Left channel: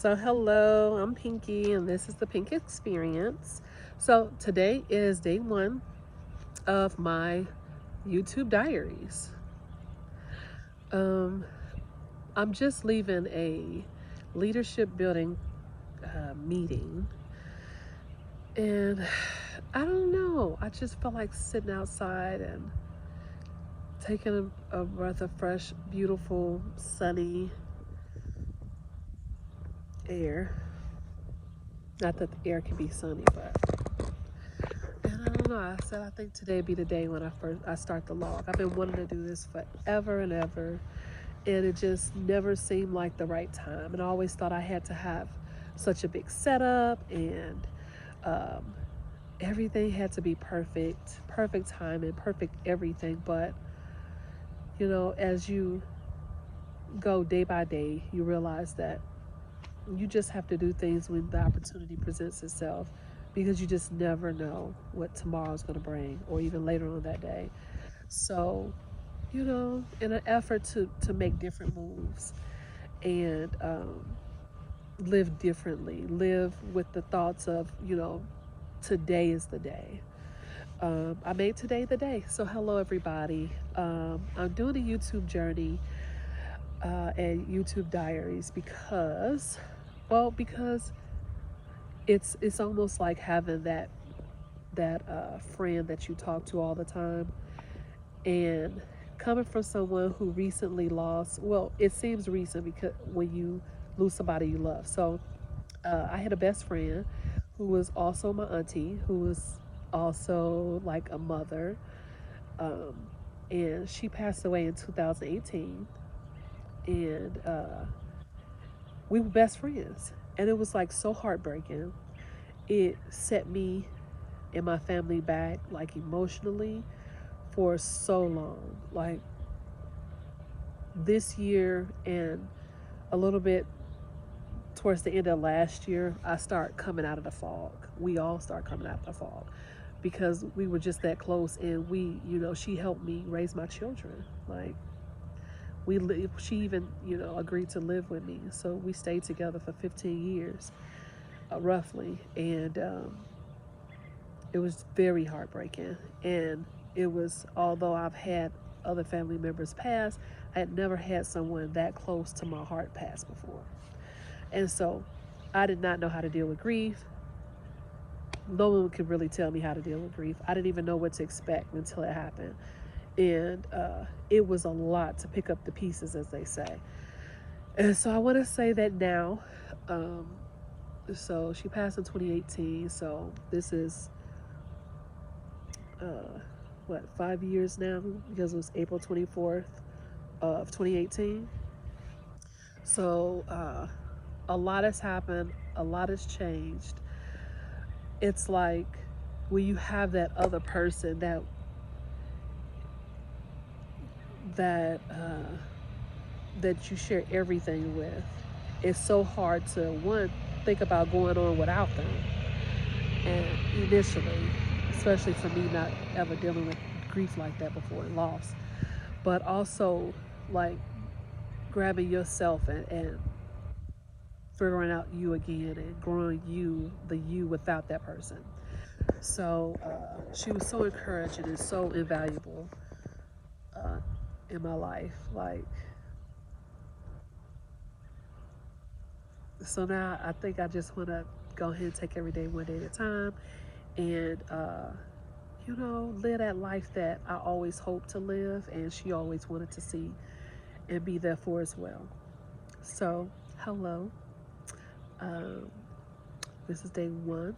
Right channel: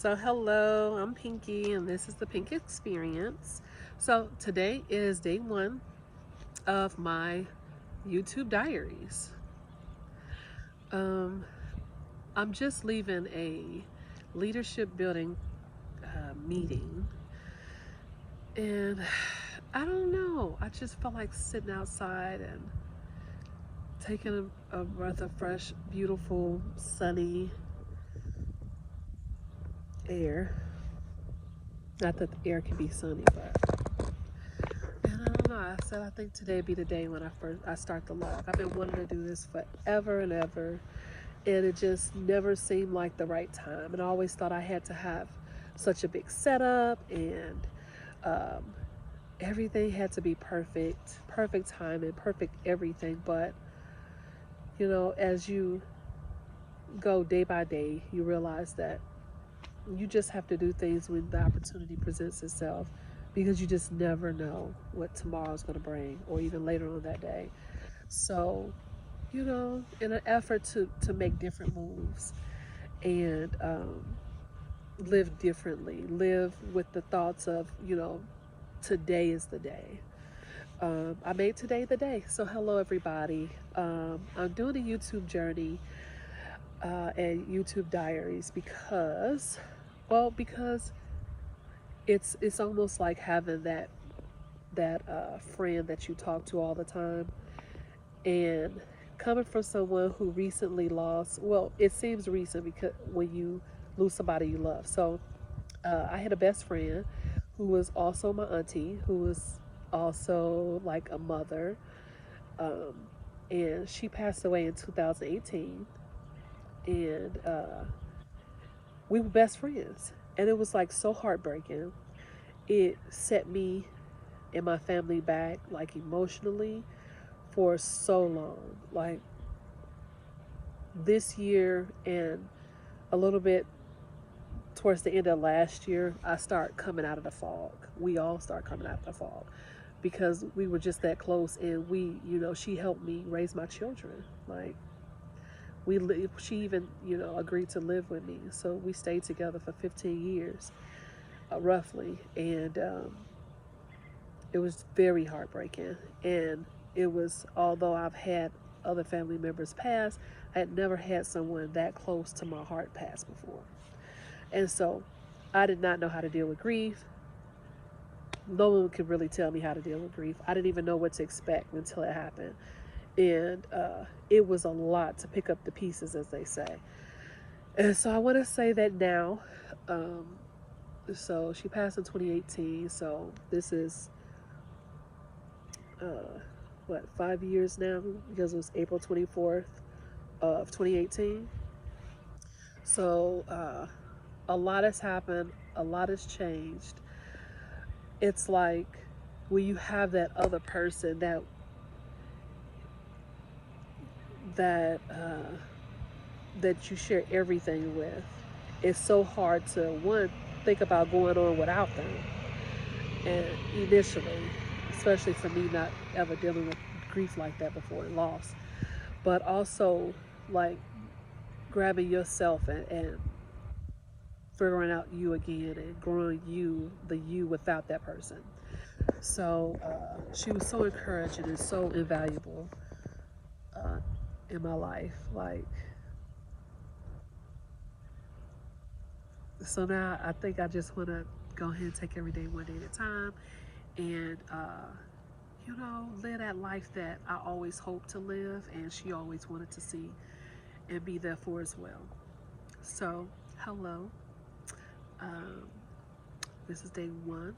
So hello, I'm Pinky and this is the Pink Experience. So today is day one of my YouTube diaries. Um, I'm just leaving a leadership building meeting, and I don't know, I just feel like sitting outside and taking a breath of fresh, beautiful, sunny air. Not that the air can be sunny, but and I don't know. I think today be the day when I start the log. I've been wanting to do this forever and ever, and it just never seemed like the right time. And I always thought I had to have such a big setup, and um, everything had to be perfect, perfect time and perfect everything. But as you go day by day, you realize that you just have to do things when the opportunity presents itself, because you just never know what tomorrow's going to bring, or even later on that day. So, in an effort to make different moves and live differently, live with the thoughts of, today is the day. I made today the day. So, hello, everybody. I'm doing a YouTube journey and YouTube diaries because it's almost like having that friend that you talk to all the time, and coming from someone who recently lost. Well, it seems recent because when you lose somebody you love. So I had a best friend who was also my auntie, who was also like a mother, um, and she passed away in 2018, and we were best friends, and it was like so heartbreaking. It set me and my family back, like emotionally, for so long. Like this year and a little bit towards the end of last year, I start coming out of the fog. We all start coming out of the fog because we were just that close, and she helped me raise my children. Like she even, agreed to live with me, so we stayed together for 15 years, roughly, and it was very heartbreaking. And it was, although I've had other family members pass, I had never had someone that close to my heart pass before. And so I did not know how to deal with grief. No one could really tell me how to deal with grief. I didn't even know what to expect until it happened. And it was a lot to pick up the pieces, as they say. And so I want to say that now, um, so she passed in 2018. So this is uh, 5 years now, because it was April 24th of 2018. So a lot has happened, a lot has changed. It's like when you have that other person that that you share everything with, it's so hard to one think about going on without them. And initially, especially for me, not ever dealing with grief like that before and loss, but also like grabbing yourself and figuring out you again and growing the you without that person. So she was so encouraging and so invaluable uh, in my life. Like, so now I think I just want to go ahead and take every day one day at a time, and live that life that I always hoped to live, and she always wanted to see and be there for as well. So, hello. Um, this is day one.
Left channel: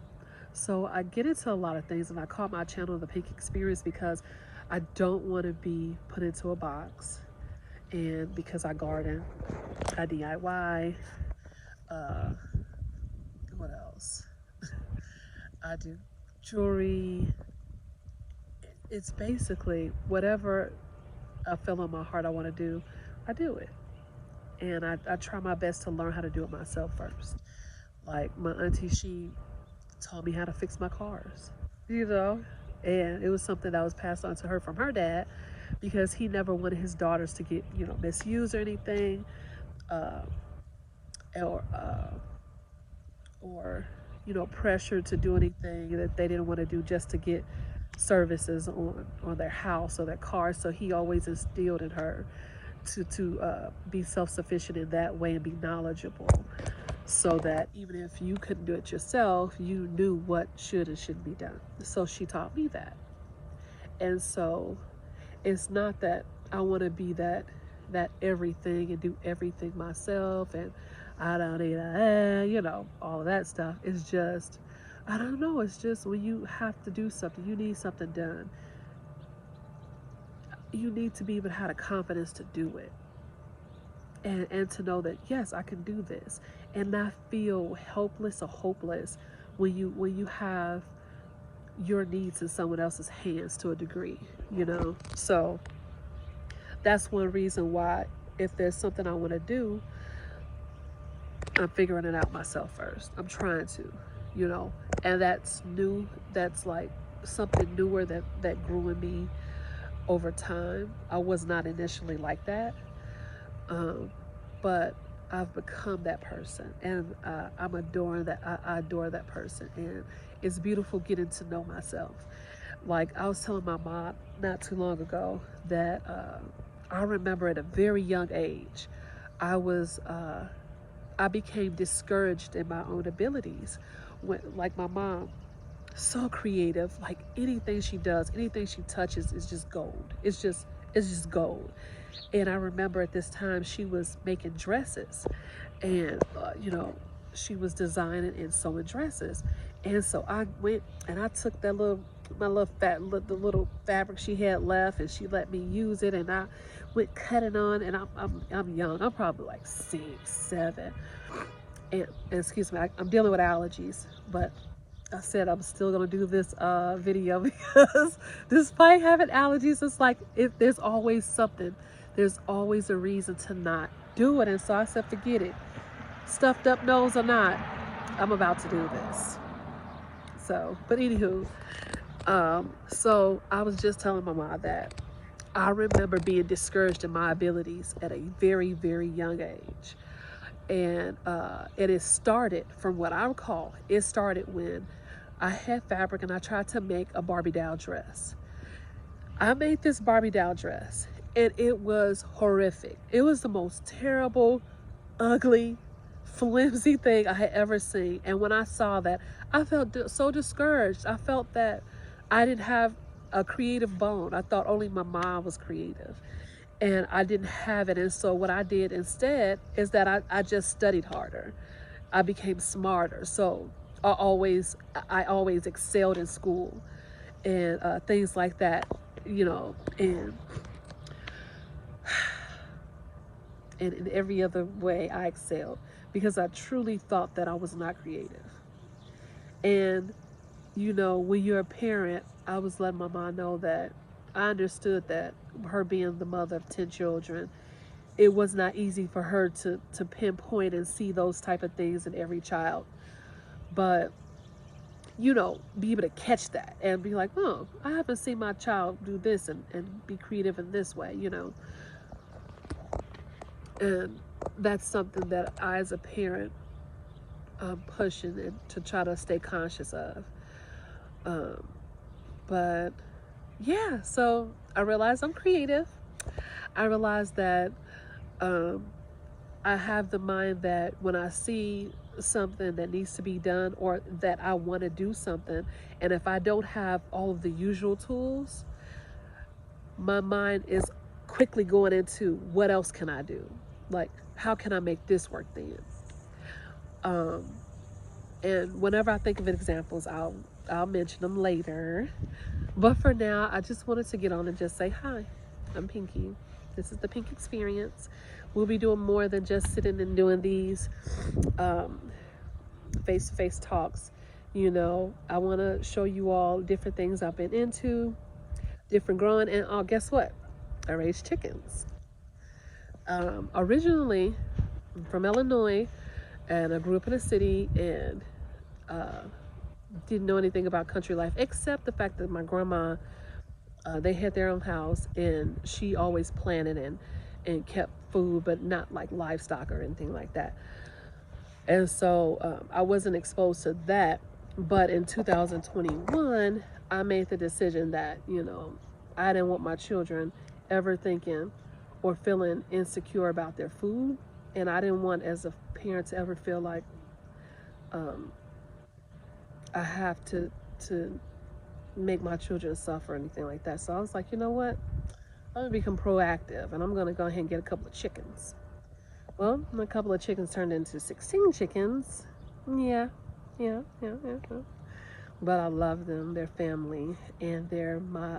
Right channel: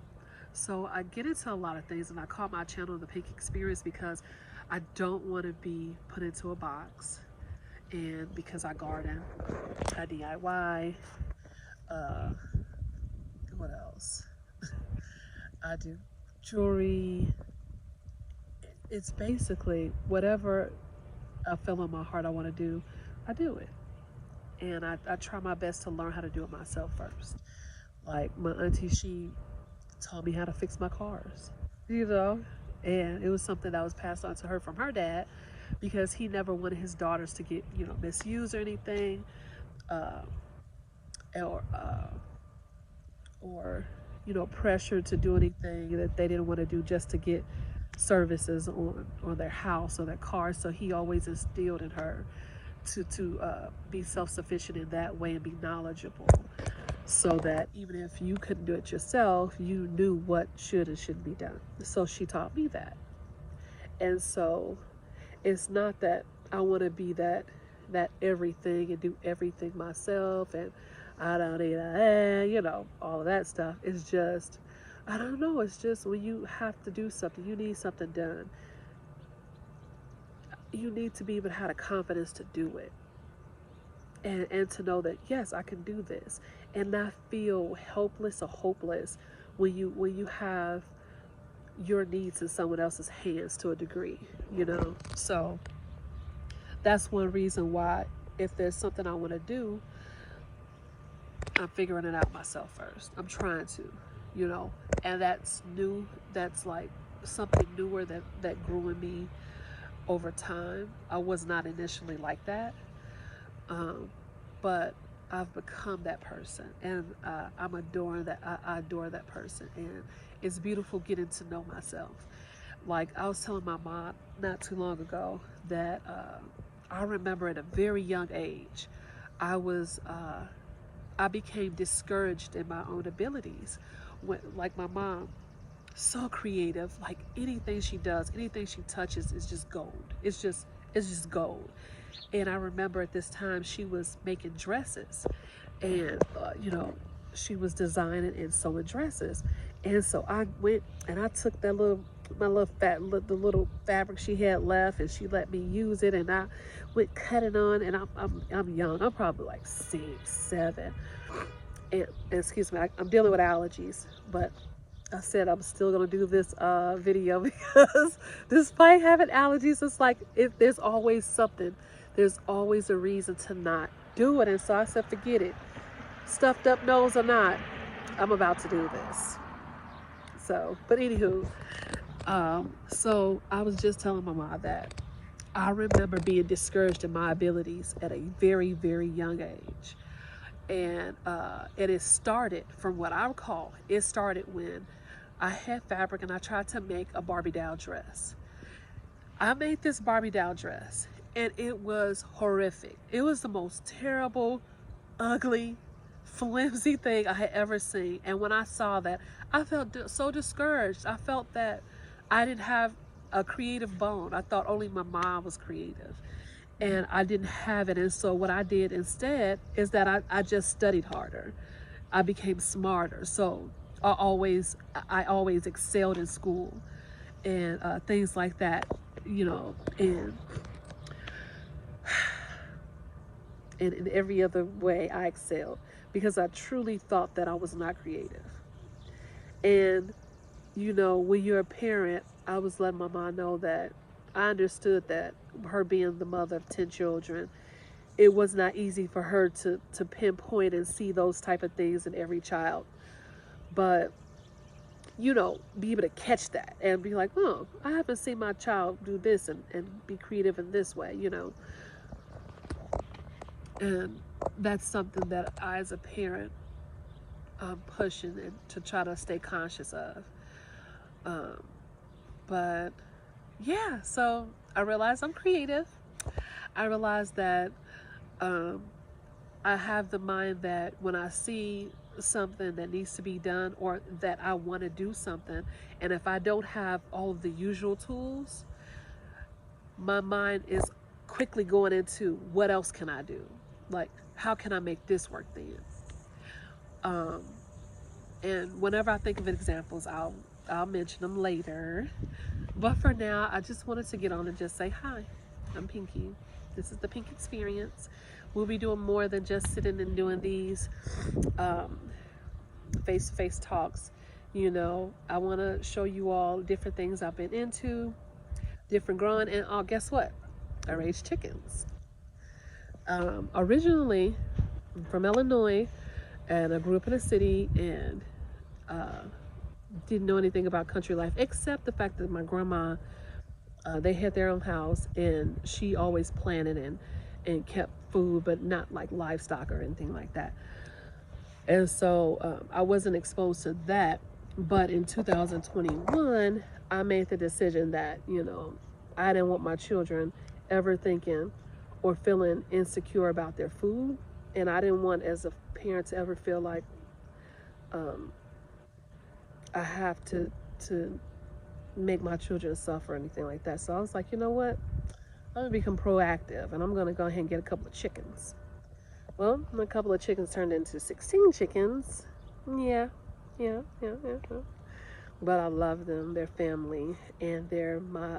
So I get into a lot of things, and I call my channel the Pink Experience because I don't want to be put into a box. And because I garden, I DIY, uh, what else? I do jewelry. It's basically whatever I feel in my heart I want to do, I do it. And I try my best to learn how to do it myself first. Like my auntie, she taught me how to fix my cars, you know, and it was something that was passed on to her from her dad, because he never wanted his daughters to get, misused or anything, uh, or or pressure to do anything that they didn't want to do just to get services on their house or their car. So he always instilled in her to be self-sufficient in that way and be knowledgeable, so that even if you couldn't do it yourself, you knew what should and shouldn't be done. So she taught me that. And so it's not that I want to be that everything and do everything myself, and I don't need all of that stuff. It's just, I don't know, it's just when you have to do something, you need something done, you need to be able to have the confidence to do it, and to know that, yes, I can do this, and not feel helpless or hopeless when you have your needs in someone else's hands to a degree, So that's one reason why, if there's something I want to do, I'm figuring it out myself first. I'm trying to, and that's new. That's like something newer that grew in me over time. I was not initially like that, but I've become that person, and I'm adoring that. I adore that person, and it's beautiful getting to know myself. Like I was telling my mom not too long ago that I remember at a very young age, I became discouraged in my own abilities. Like my mom, so creative. Like anything she does, anything she touches is just gold. It's just gold. And I remember at this time she was making dresses, and she was designing and sewing dresses. And so I went and I took the little fabric she had left, and she let me use it, and I went cutting on. And I'm young. I'm probably like 6, 7. And excuse me, I'm dealing with allergies, but I said I'm still gonna do this video because despite having allergies, it's like there's always something. There's always a reason to not do it. And so I said, forget it. Stuffed up nose or not, I'm about to do this. So, but anywho, so I was just telling my mom that I remember being discouraged in my abilities at a very, very young age. And it started, from what I recall, it started when I had fabric and I tried to make a Barbie doll dress. I made this Barbie doll dress, and it was horrific. It was the most terrible, ugly, flimsy thing I had ever seen. And when I saw that, I felt so discouraged. I felt that I didn't have a creative bone. I thought only my mom was creative, and I didn't have it. And so what I did instead is that I just studied harder. I became smarter. So I always excelled in school and things like that, and in every other way I excelled, because I truly thought that I was not creative. And when you're a parent, I was letting my mom know that I understood that, her being the mother of 10 children, it was not easy for her to pinpoint and see those type of things in every child. But, be able to catch that and be like, oh, I haven't seen my child do this and be creative in this way, And that's something that I, as a parent, I'm pushing it to try to stay conscious of. But yeah, so I realized I'm creative. I realized that I have the mind that when I see something that needs to be done, or that I want to do something, and if I don't have all of the usual tools, my mind is quickly going into what else can I do? Like, how can I make this work then? And whenever I think of examples, I'll mention them later. But for now, I just wanted to get on and just say, hi, I'm Pinky. This is the Pink Experience. We'll be doing more than just sitting and doing these face-to-face talks. I want to show you all different things I've been into, different growing, and guess what? I raise chickens. Originally, I'm from Illinois, and I grew up in a city, and didn't know anything about country life, except the fact that my grandma, they had their own house, and she always planted and kept food, but not like livestock or anything like that. And so I wasn't exposed to that. But in 2021, I made the decision that, I didn't want my children ever thinking or feeling insecure about their food. And I didn't want, as a parent, to ever feel like um, I have to make my children suffer or anything like that. So I was like, you know what? I'm gonna become proactive, and I'm gonna go ahead and get a couple of chickens. Well, a couple of chickens turned into 16 chickens. Yeah, yeah. But I love them. They're family, and they're my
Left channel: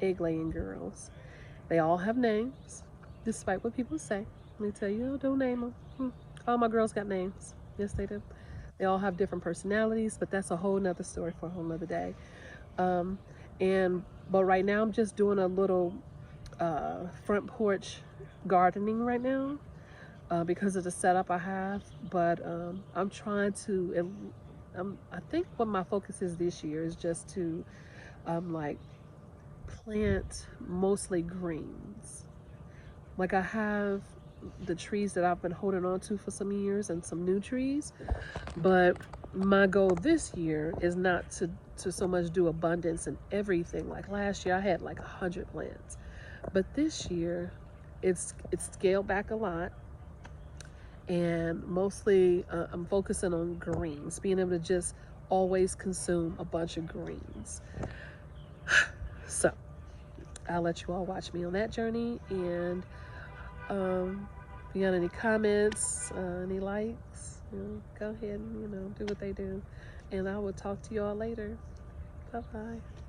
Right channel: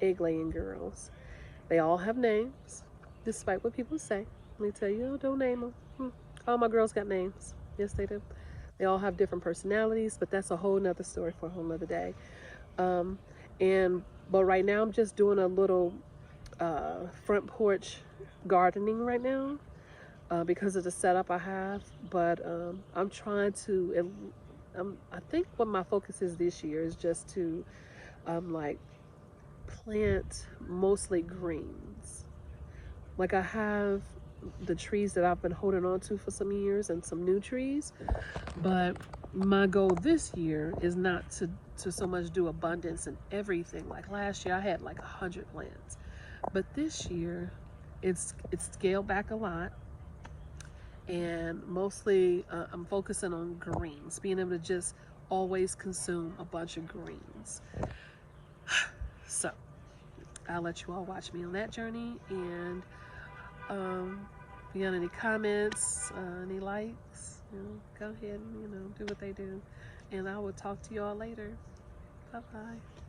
egg laying girls. They all have names, despite what people say. They tell you, oh, don't name them. All my girls got names. Yes, they do. They all have different personalities, but that's a whole nother story for a whole nother day. Um, but right now I'm just doing a little front porch gardening right now because of the setup I have. But I'm trying to. I think what my focus is this year is just to like plant mostly greens. Like I have the trees that I've been holding on to for some years and some new trees, but my goal this year is not to so much do abundance and everything. Like last year I had like 100 plants, but this year it's scaled back a lot, and mostly I'm focusing on greens, being able to just always consume a bunch of greens. So I'll let you all watch me on that journey, and if you got any comments, any likes, go ahead and do what they do, and I will talk to you all later. Bye bye.